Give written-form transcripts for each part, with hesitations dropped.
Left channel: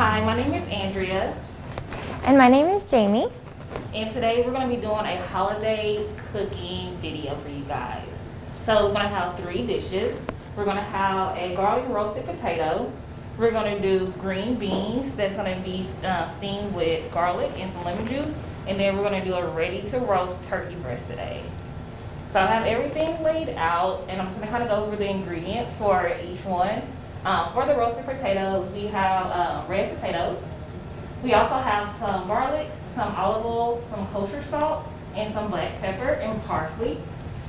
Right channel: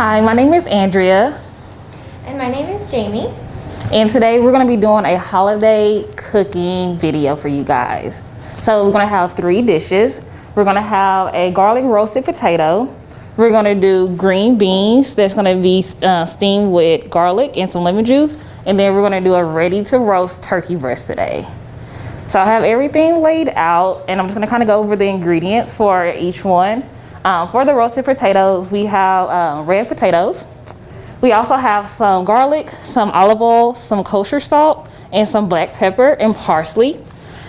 Hi, my name is Andrea. And my name is Jamie. And today we're going to be doing a holiday cooking video for you guys. So we're going to have 3 dishes. We're going to have a garlic roasted potato. We're going to do green beans that's going to be steamed with garlic and some lemon juice. And then we're going to do a ready to roast turkey breast today. So I have everything laid out, and I'm just going to kind of go over the ingredients for each one. For the roasted potatoes, we have red potatoes. We also have some garlic, some olive oil, some kosher salt, and some black pepper and parsley.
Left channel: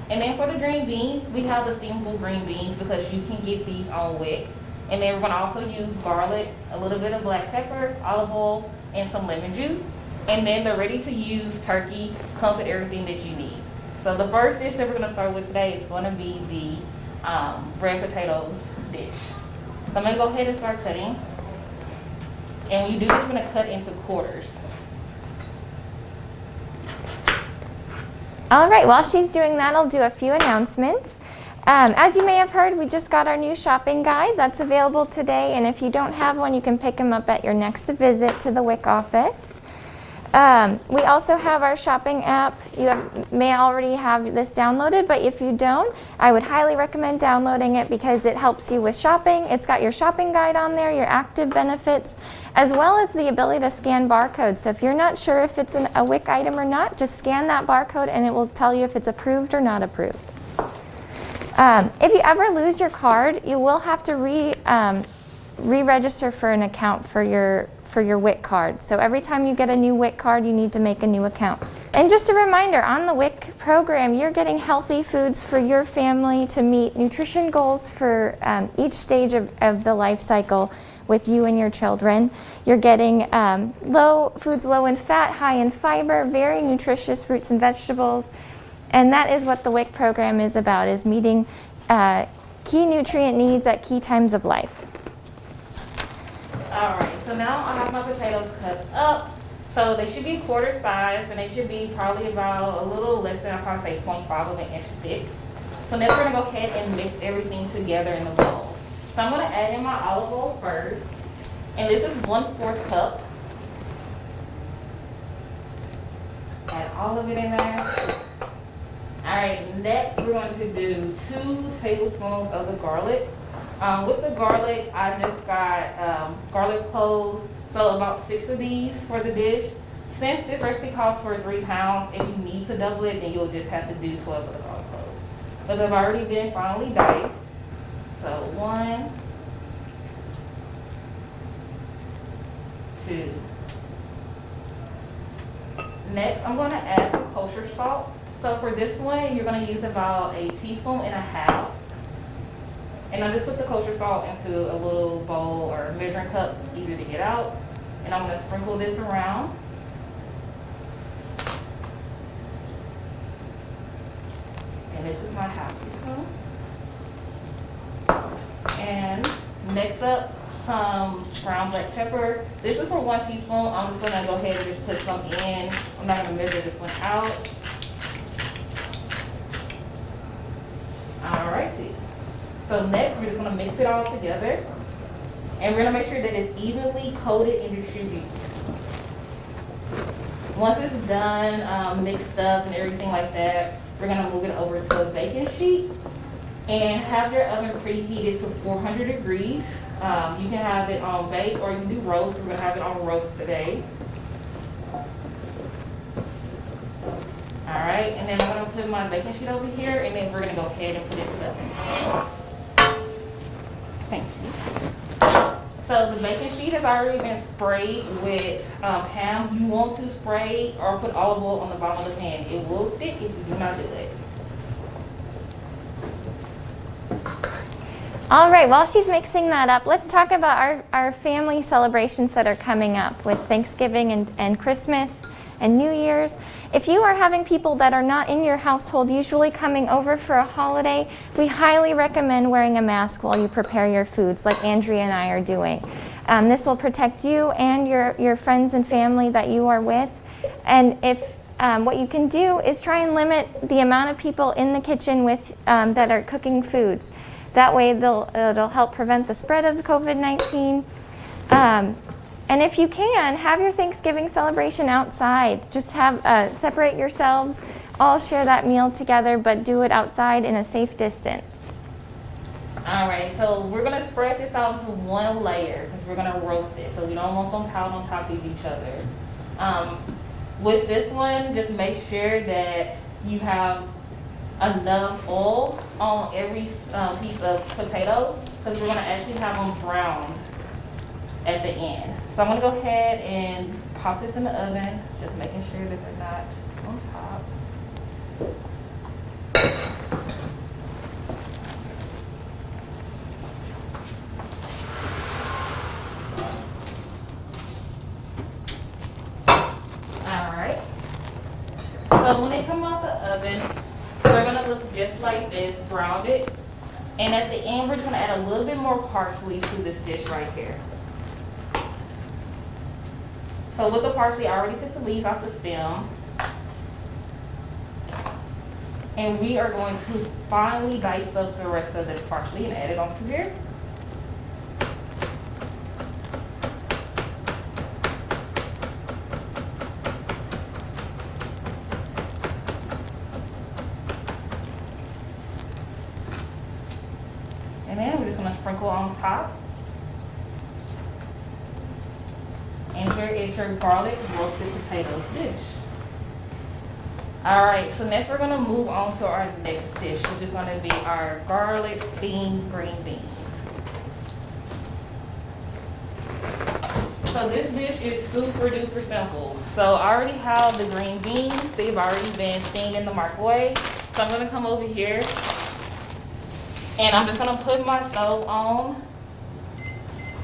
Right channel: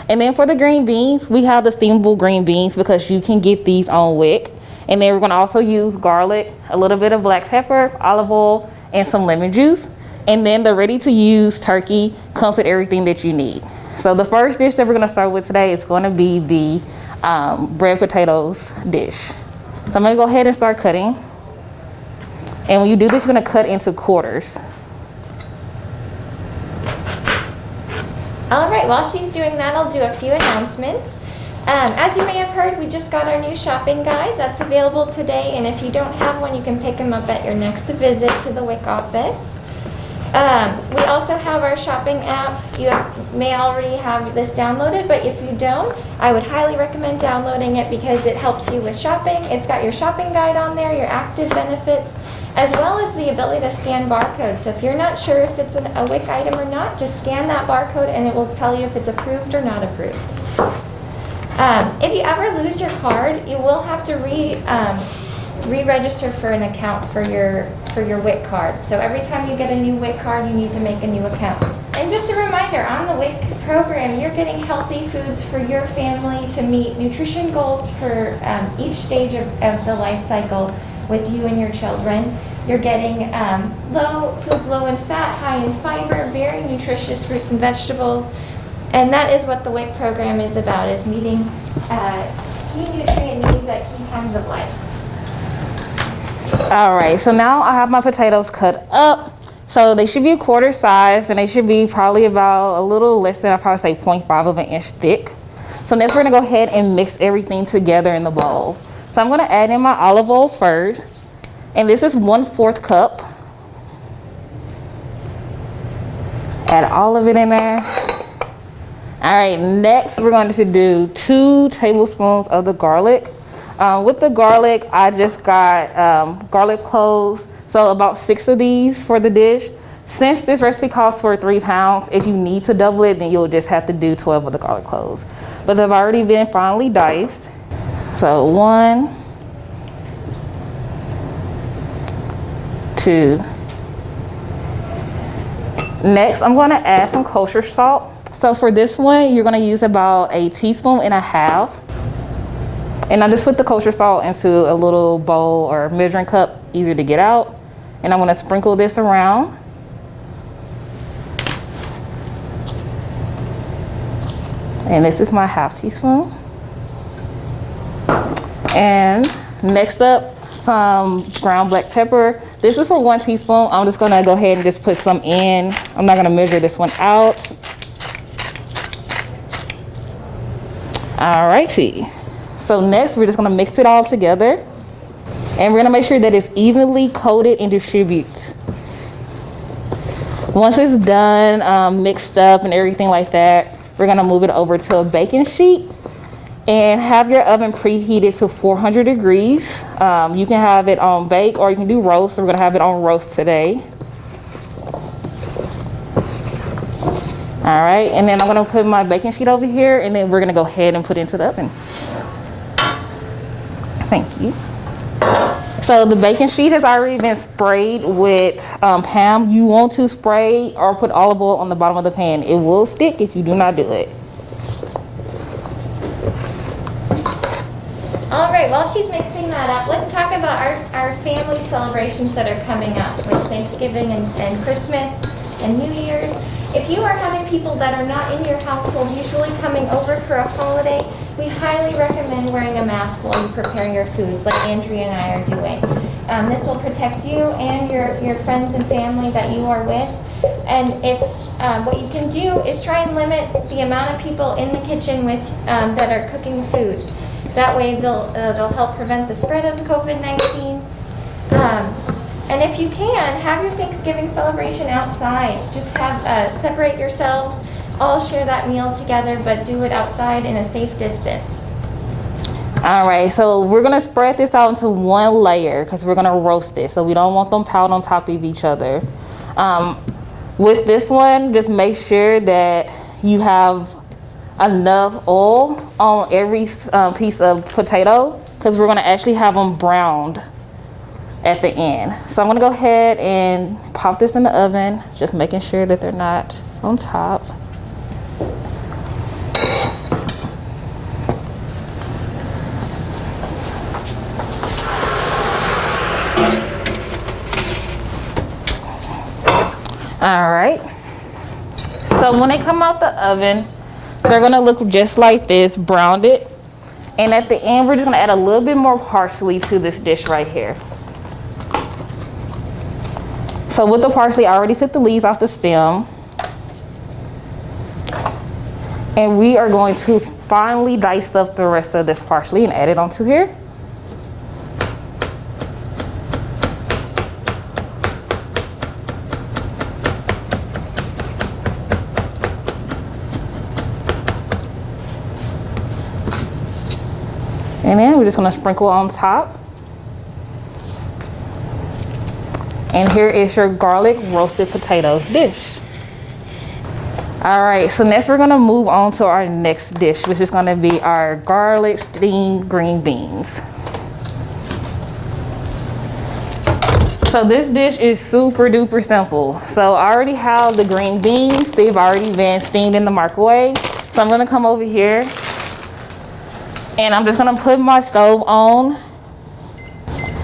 And then for the green beans, we have the steamable green beans because you can get these on WIC. And then we're going to also use garlic, a little bit of black pepper, olive oil, and some lemon juice. And then the ready to use turkey comes with everything that you need. So the first dish that we're going to start with today is going to be the red potatoes dish. So I'm going to go ahead and start cutting. And when you do this, you're going to cut into quarters. All right, while she's doing that, I'll do a few announcements. As you may have heard, we just got our new shopping guide that's available today. And if you don't have one, you can pick them up at your next visit to the WIC office. We also have our shopping app. You may already have this downloaded, but if you don't, I would highly recommend downloading it because it helps you with shopping. It's got your shopping guide on there, your active benefits, as well as the ability to scan barcodes. So if you're not sure if it's a WIC item or not, just scan that barcode and it will tell you if it's approved or not approved. If you ever lose your card, you will have to re-register for an account for your WIC card. So every time you get a new WIC card, you need to make a new account. And just a reminder, on the WIC program, you're getting healthy foods for your family to meet nutrition goals for each stage of the life cycle with you and your children. You're getting foods low in fat, high in fiber, very nutritious fruits and vegetables. And that is what the WIC program is about, is meeting key nutrient needs at key times of life. All right, so now I have my potatoes cut up. So they should be a quarter size, and they should be probably about a little less than, I'd probably say 0.5 of an inch thick. So next we're gonna go ahead and mix everything together in the bowl. So I'm gonna add in my olive oil first, and this is 1/4 cup. Add all of it in there. All right, next we're going to do 2 tablespoons of the garlic. With the garlic, I just got garlic cloves, so about 6 of these for the dish. Since this recipe calls for 3 pounds, if you need to double it, then you'll just have to do 12 of the garlic cloves. But they've already been finely diced. So 1, 2. Next, I'm going to add some kosher salt. So for this one, you're going to use about 1.5 teaspoons. And I just put the kosher salt into a little bowl or measuring cup, easier to get out. And I'm going to sprinkle this around. And this is my 1/2 teaspoon. And next up, some ground black pepper. This is for 1 teaspoon. I'm just going to go ahead and just put some in. I'm not going to measure this one out. All righty. So next, we're just gonna mix it all together, and we're gonna make sure that it's evenly coated and distributed. Once it's done, mixed up and everything like that, we're gonna move it over to a baking sheet and have your oven preheated to 400 degrees. You can have it on bake or you can do roast. So we're gonna have it on roast today. All right, and then I'm gonna put my baking sheet over here, and then we're gonna go ahead and put it into the oven. Thank you. So the baking sheet has already been sprayed with Pam. You want to spray or put olive oil on the bottom of the pan. It will stick if you do not do it. All right, while she's mixing that up, let's talk about our family celebrations that are coming up with Thanksgiving and Christmas and New Year's. If you are having people that are not in your household usually coming over for a holiday, we highly recommend wearing a mask while you prepare your foods, like Andrea and I are doing. This will protect you and your friends and family that you are with. And if what you can do is try and limit the amount of people in the kitchen with that are cooking foods. That way it'll help prevent the spread of the COVID-19. And if you can, have your Thanksgiving celebration outside. Just have separate yourselves, all share that meal together, but do it outside in a safe distance. All right, so we're gonna spread this out into one layer because we're gonna roast it. So we don't want them piled on top of each other. With this one, just make sure that you have enough oil on every piece of potato because we're gonna actually have them browned at the end. So I'm gonna go ahead and pop this in the oven, just making sure that they're not on top. All right, so when they come out the oven, they're gonna look just like this, browned it. And at the end, we're just gonna add a little bit more parsley to this dish right here. So with the parsley, I already took the leaves off the stem. And we are going to finely dice up the rest of this parsley and add it onto here. And then we're just gonna sprinkle on top. And here is your garlic roasted potatoes dish. All right, so next we're gonna move on to our next dish, which is gonna be our garlic steamed green beans. So this dish is super duper simple. So I already have the green beans. They've already been steamed in the microwave. So I'm gonna come over here and I'm just gonna put my stove on.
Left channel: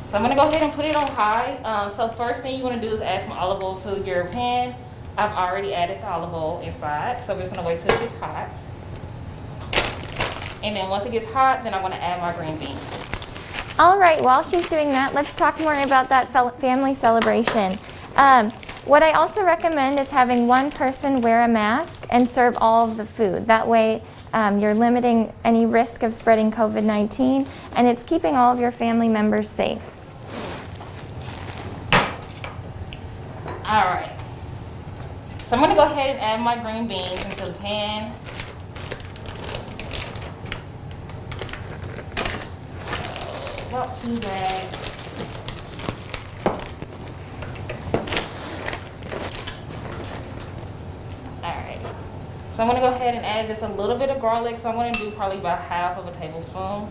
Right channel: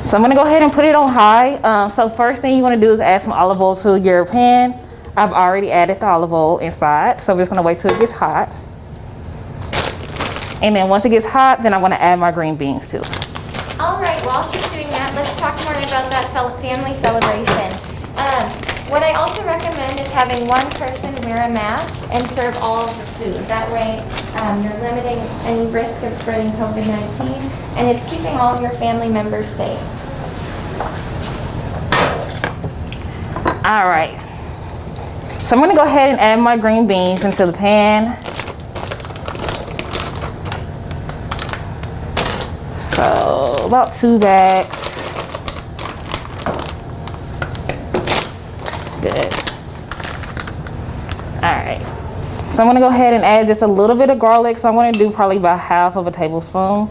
So I'm gonna go ahead and put it on high. So first thing you wanna do is add some olive oil to your pan. I've already added the olive oil inside, so we're just gonna wait till it gets hot. And then once it gets hot, then I'm gonna add my green beans too. All right, while she's doing that, let's talk more about that family celebration. What I also recommend is having one person wear a mask and serve all of the food. That way, you're limiting any risk of spreading COVID-19, and it's keeping all of your family members safe. All right. So I'm gonna go ahead and add my green beans into the pan. So about 2 bags. Good. All right. So I'm gonna go ahead and add just a little bit of garlic. So I'm gonna do probably about half of a tablespoon.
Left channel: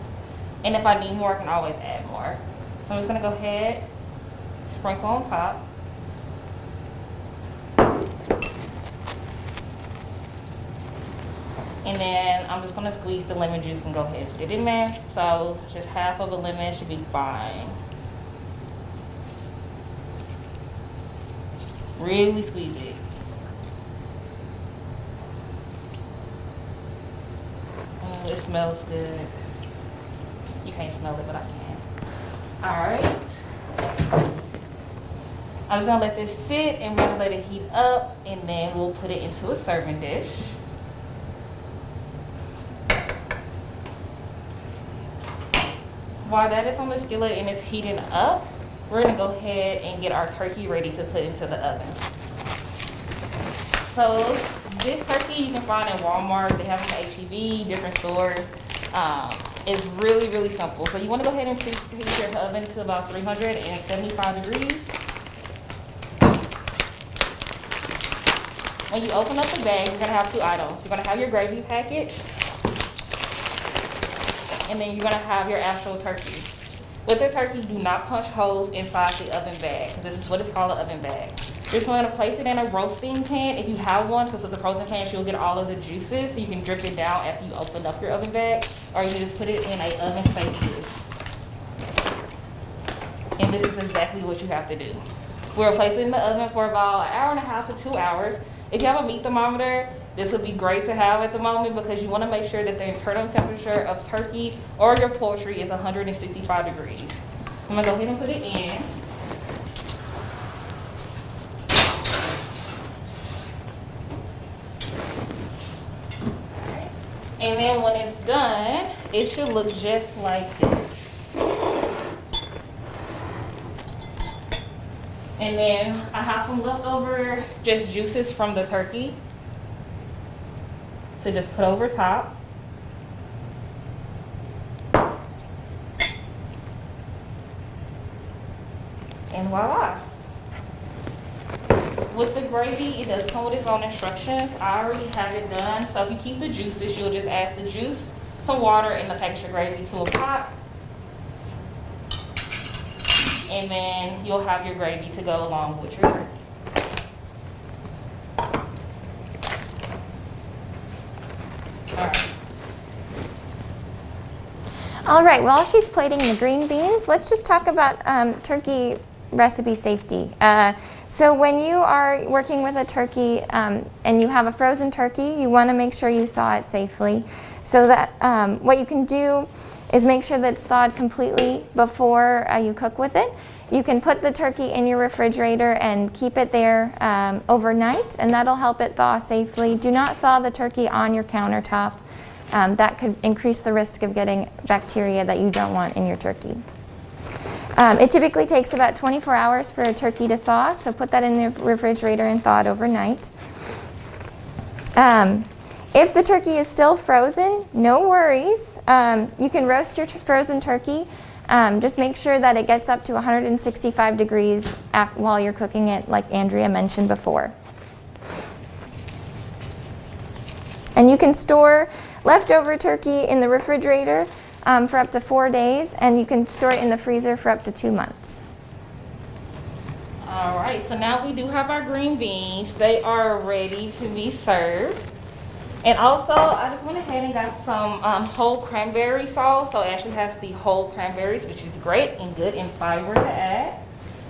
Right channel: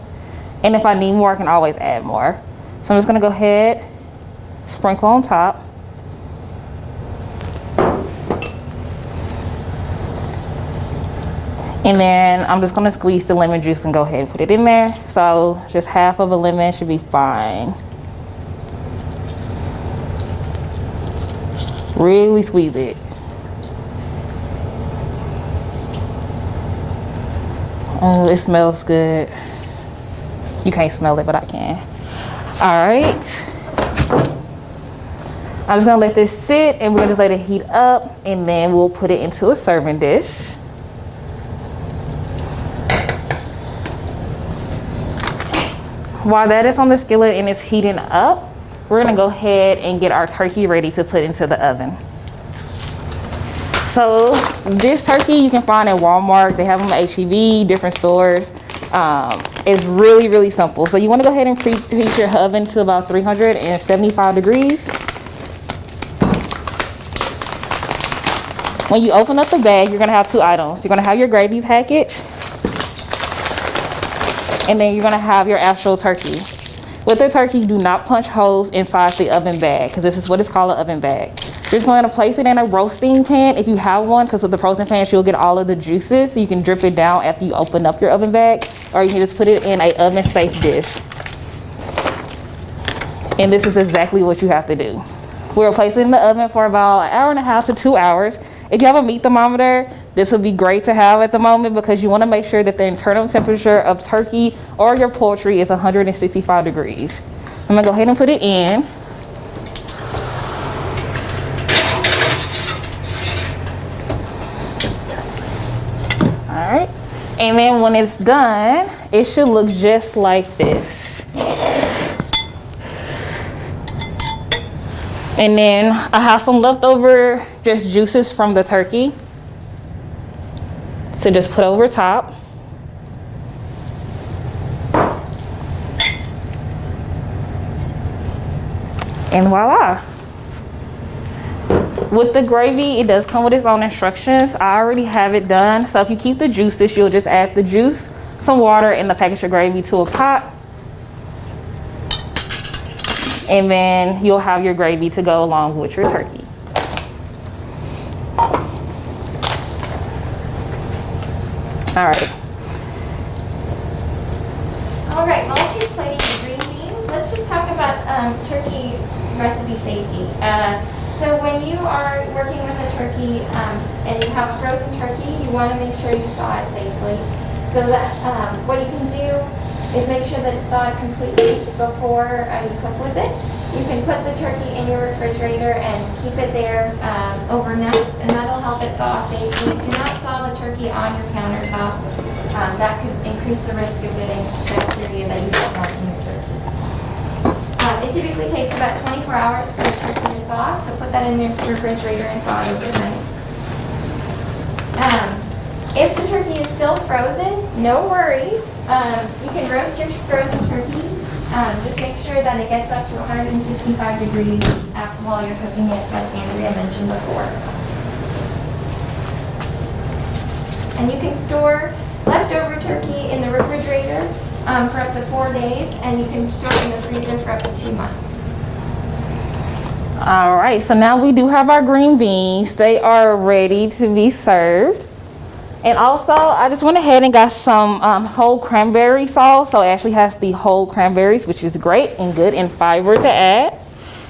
And if I need more, I can always add more. So I'm just gonna go ahead, sprinkle on top. And then I'm just gonna squeeze the lemon juice and go ahead and put it in there. So just half of a lemon should be fine. Really squeeze it. Oh, it smells good. You can't smell it, but I can. All right. I'm just gonna let this sit and we're gonna just let it heat up and then we'll put it into a serving dish. While that is on the skillet and it's heating up, we're gonna go ahead and get our turkey ready to put into the oven. So this turkey you can find at Walmart. They have them at H-E-B, different stores. It's really, really simple. So you wanna go ahead and preheat your oven to about 375 degrees. When you open up the bag, you're gonna have 2 items. You're gonna have your gravy package, and then you're gonna have your actual turkey. With the turkey, do not punch holes inside the oven bag, because this is what it's called, an oven bag. You're just going to place it in a roasting pan if you have one, because with the frozen pans, you'll get all of the juices, so you can drip it down after you open up your oven bag, or you can just put it in a oven-safe dish. And this is exactly what you have to do. We'll place it in the oven for about 1.5 hours to 2 hours. If you have a meat thermometer, this would be great to have at the moment because you want to make sure that the internal temperature of turkey or your poultry is 165 degrees. I'm gonna go ahead and put it in. All right, and then when it's done, it should look just like this. And then I have some leftover just juices from the turkey to just put over top. And voila. With the gravy, it does come with its own instructions. I already have it done. So if you keep the juices, you'll just add the juice, some water, and the package of gravy to a pot. And then you'll have your gravy to go along with your turkey. All right, well, as she's plating the green beans, let's just talk about turkey recipe safety. So when you are working with a turkey and you have a frozen turkey, you want to make sure you thaw it safely. So that what you can do is make sure that it's thawed completely before you cook with it. You can put the turkey in your refrigerator and keep it there overnight, and that'll help it thaw safely. Do not thaw the turkey on your countertop. That could increase the risk of getting bacteria that you don't want in your turkey. It typically takes about 24 hours for a turkey to thaw, so put that in the refrigerator and thaw it overnight. If the turkey is still frozen, no worries. You can roast your frozen turkey. Just make sure that it gets up to 165 degrees while you're cooking it, like Andrea mentioned before. And you can store leftover turkey in the refrigerator for up to 4 days, and you can store it in the freezer for up to 2 months. All right, so now we do have our green beans. They are ready to be served. And also, I just went ahead and got some whole cranberry sauce. So it actually has the whole cranberries, which is great and good in fiber to add.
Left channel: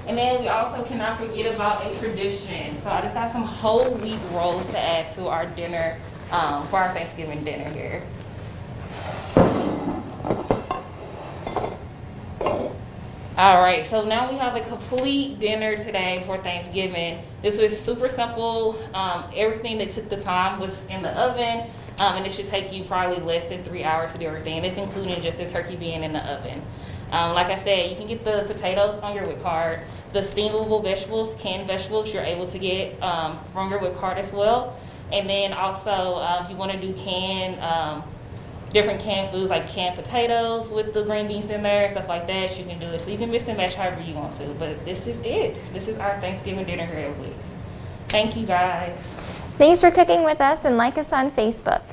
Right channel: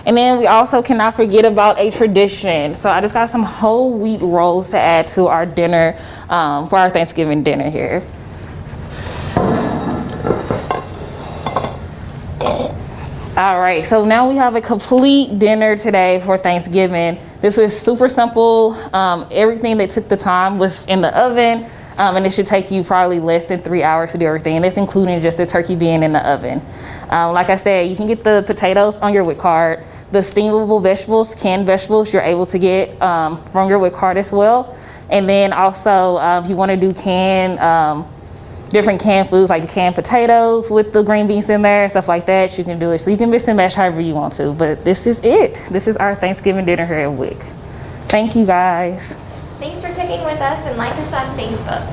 And then we also cannot forget about a tradition. So I just got some whole wheat rolls to add to our dinner, for our Thanksgiving dinner here. All right, so now we have a complete dinner today for Thanksgiving. This was super simple. Everything that took the time was in the oven, and it should take you probably less than 3 hours to do everything. And that's including just the turkey being in the oven. Like I said, you can get the potatoes on your WIC card. The steamable vegetables, canned vegetables, you're able to get from your WIC card as well. And then also, if you want to do different canned foods like canned potatoes with the green beans in there, stuff like that, you can do it. So you can mix and match however you want to. But this is it. This is our Thanksgiving dinner here at WIC. Thank you guys. Thanks for cooking with us, and like us on Facebook.